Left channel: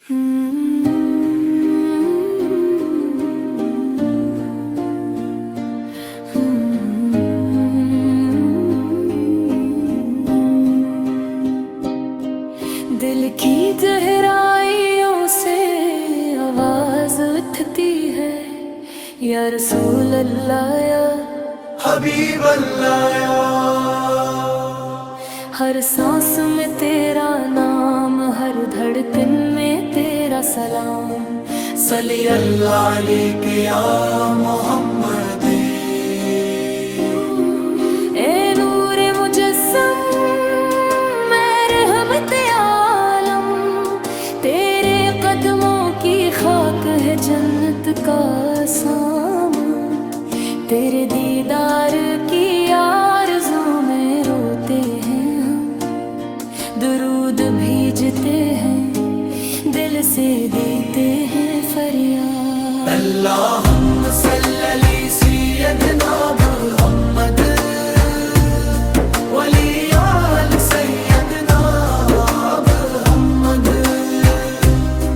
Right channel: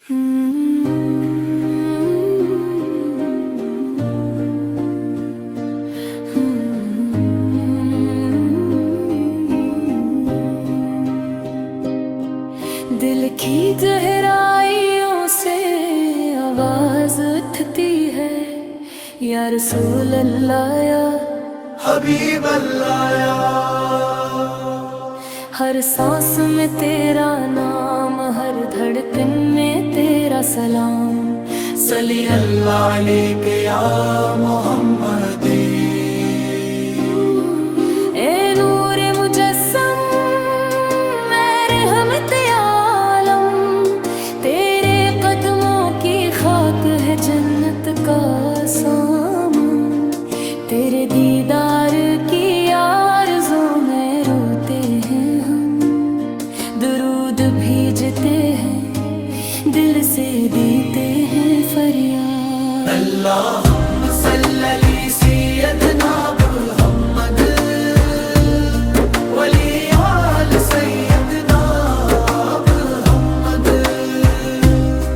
دل کی گہرائیوں سے آواز اٹھتی ہے، یا رسول اللہ یا حبیب اللہ یا ہر سانس میں تیرا نام، ہر دھڑکن میں تیرا سلام، صلی اللہ علیک یا محمد۔ اے نور مجسم اے رحمت عالم، تیرے قدموں کی خاک ہے جنت کا سامان، تیرے دیدار کی آرزو میں روتے ہیں ہم، درود بھیجتے ہیں دل سے دیتے ہیں فریاد۔ اللہم صلی علی سیدنا محمد ولی آل سیدنا محمد،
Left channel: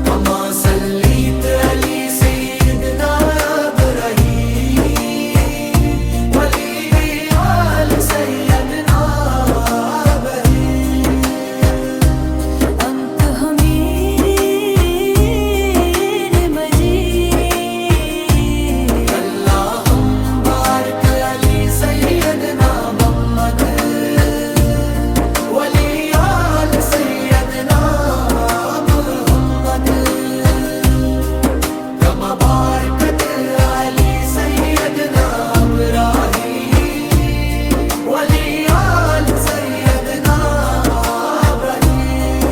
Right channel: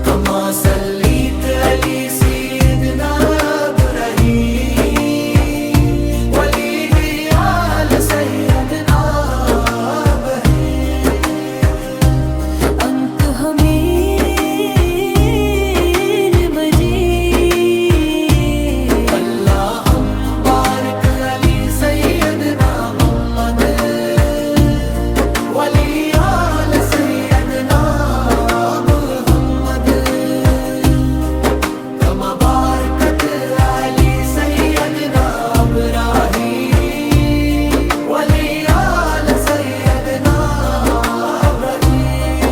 کما صلیت علی سیدنا ابراہیم ولی آل سیدنا ابراہیم۔ انت حمید مجید، اللہم بارک علی سیدنا محمد ولی آل سیدنا محمد، کما بارکت علی سیدنا ابراہیم ولی آل سیدنا ابراہیم۔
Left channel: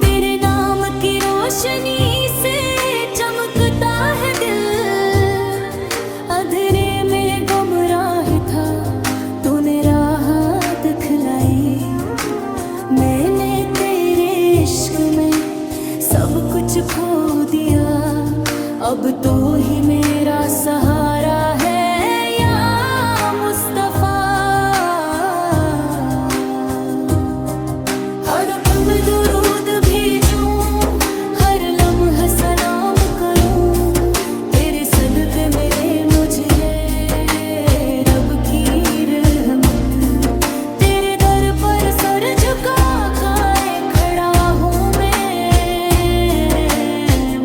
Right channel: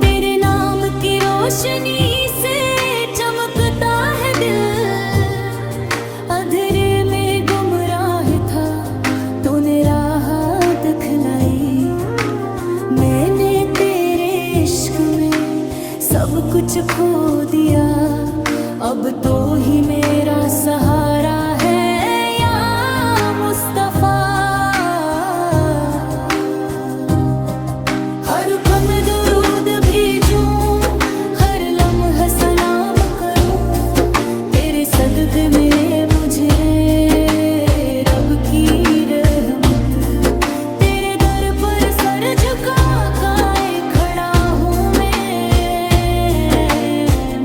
تیرے نام کی روشنی سے چمکتا ہے دل، اندھیرے میں گمراہ تھا تو نے راہ دکھلائی، میں نے تیرے عشق میں سب کچھ کھو دیا، اب تو ہی میرا سہارا ہے یا مصطفیٰ۔ ہر پم درود بھیجوں، ہر لمحہ سلام کروں، تیرے صدقے ملے مجھے رب کی رحمت، تیرے در پر سر جھکا کائے کھڑا ہوں میں،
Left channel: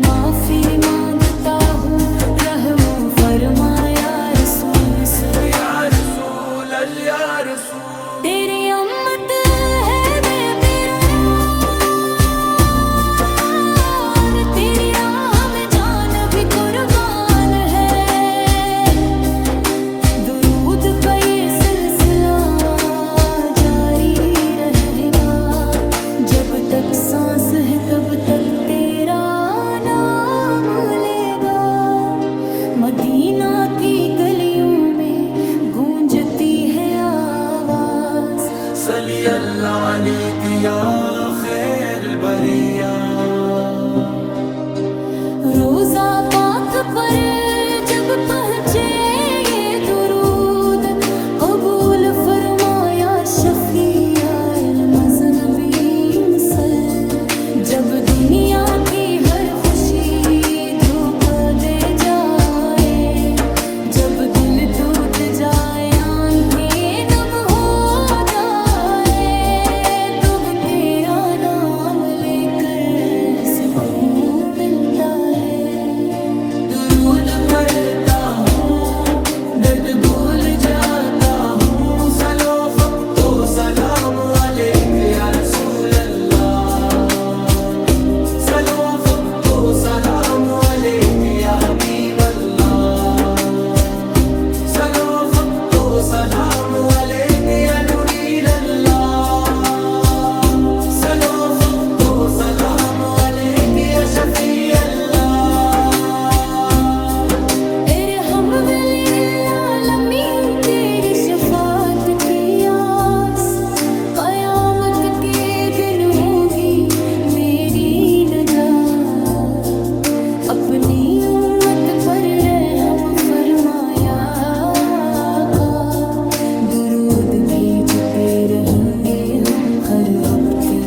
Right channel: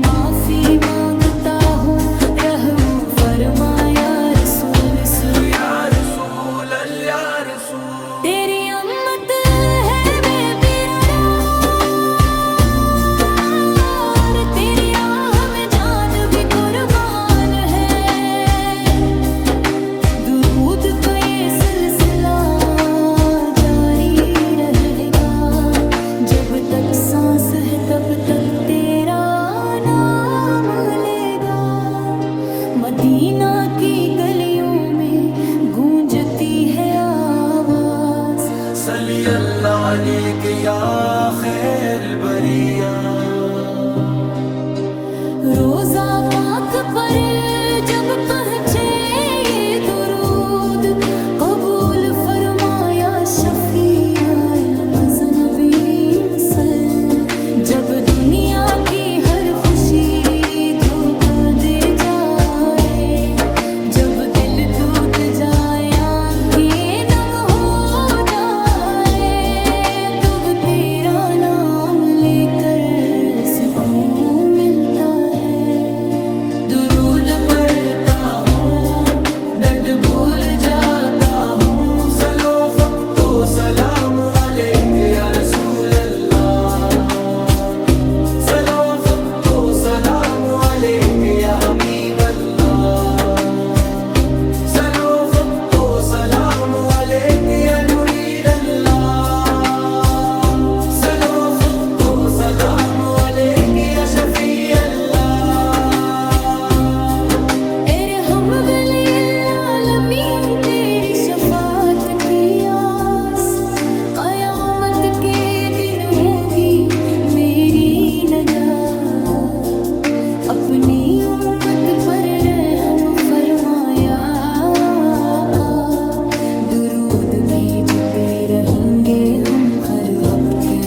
معافی مانگتا ہوں رحم و فرما یا رسول یا رسول اللہ یا رسول، تیری امت ہے بے قرار، تیری راہ میں جان بھی قربان ہے، درود کا یہ سلسلہ جاری رہے گا، جب تک سانس ہے تب تک تیرا نام لے گا، مدینہ کی گلیوں میں گونجتی ہے آواز، صلی اللہ علیک یا خیر البریہ۔ روزہ پاک پر جب پہنچے یہ درود، قبول فرمایا شفیع المذنبین سے، جب دنیا کی ہر خوشی دھوکہ دے جائے، جب دل ٹوٹ جائے آنکھیں نم ہو جائے، دب تیرا نام لے کر سکون ملتا ہے، درود پڑھتا ہوں درد بھول جاتا ہوں، صلو فقط سلام علیک یا رسول اللہ، صلو فقط سلام علیک یا حبیب اللہ، صلو فقط سلام علیک یا نوری اللہ، صلو فقط سلام علیک یا شفیع اللہ۔ ارحم بالعالمین، تیری شفاعت کی آس، قیامت کے دن ہوگی میری نجات، اپنی امت پر رحم فرمایا آقا، درود بھیجتے رہیں گے ہم ہر ہفتے۔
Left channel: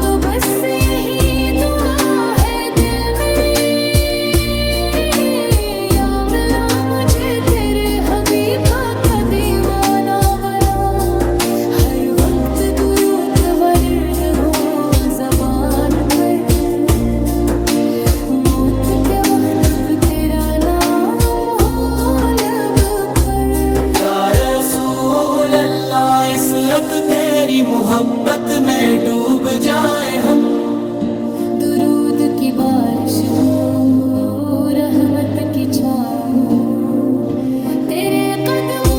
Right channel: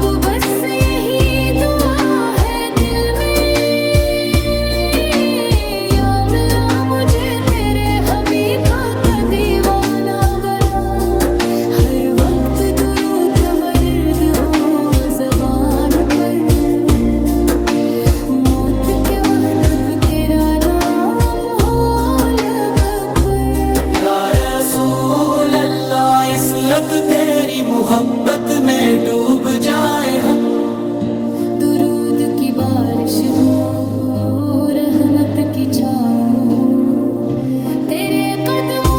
تو بس یہی دعا ہے دل میں، یا اللہ مجھے تیرے حبیب کا دیوانہ بنا، ہر وقت درود ورد ہو زبان پر، موت کے وقت تیرا نام ہو لب پر۔ یا رسول اللہ اس وقت تیری محبت میں ڈوب جائیں ہم، درود کی بارش ہو، رحمت کی چھاؤں ہو، تیرے قدم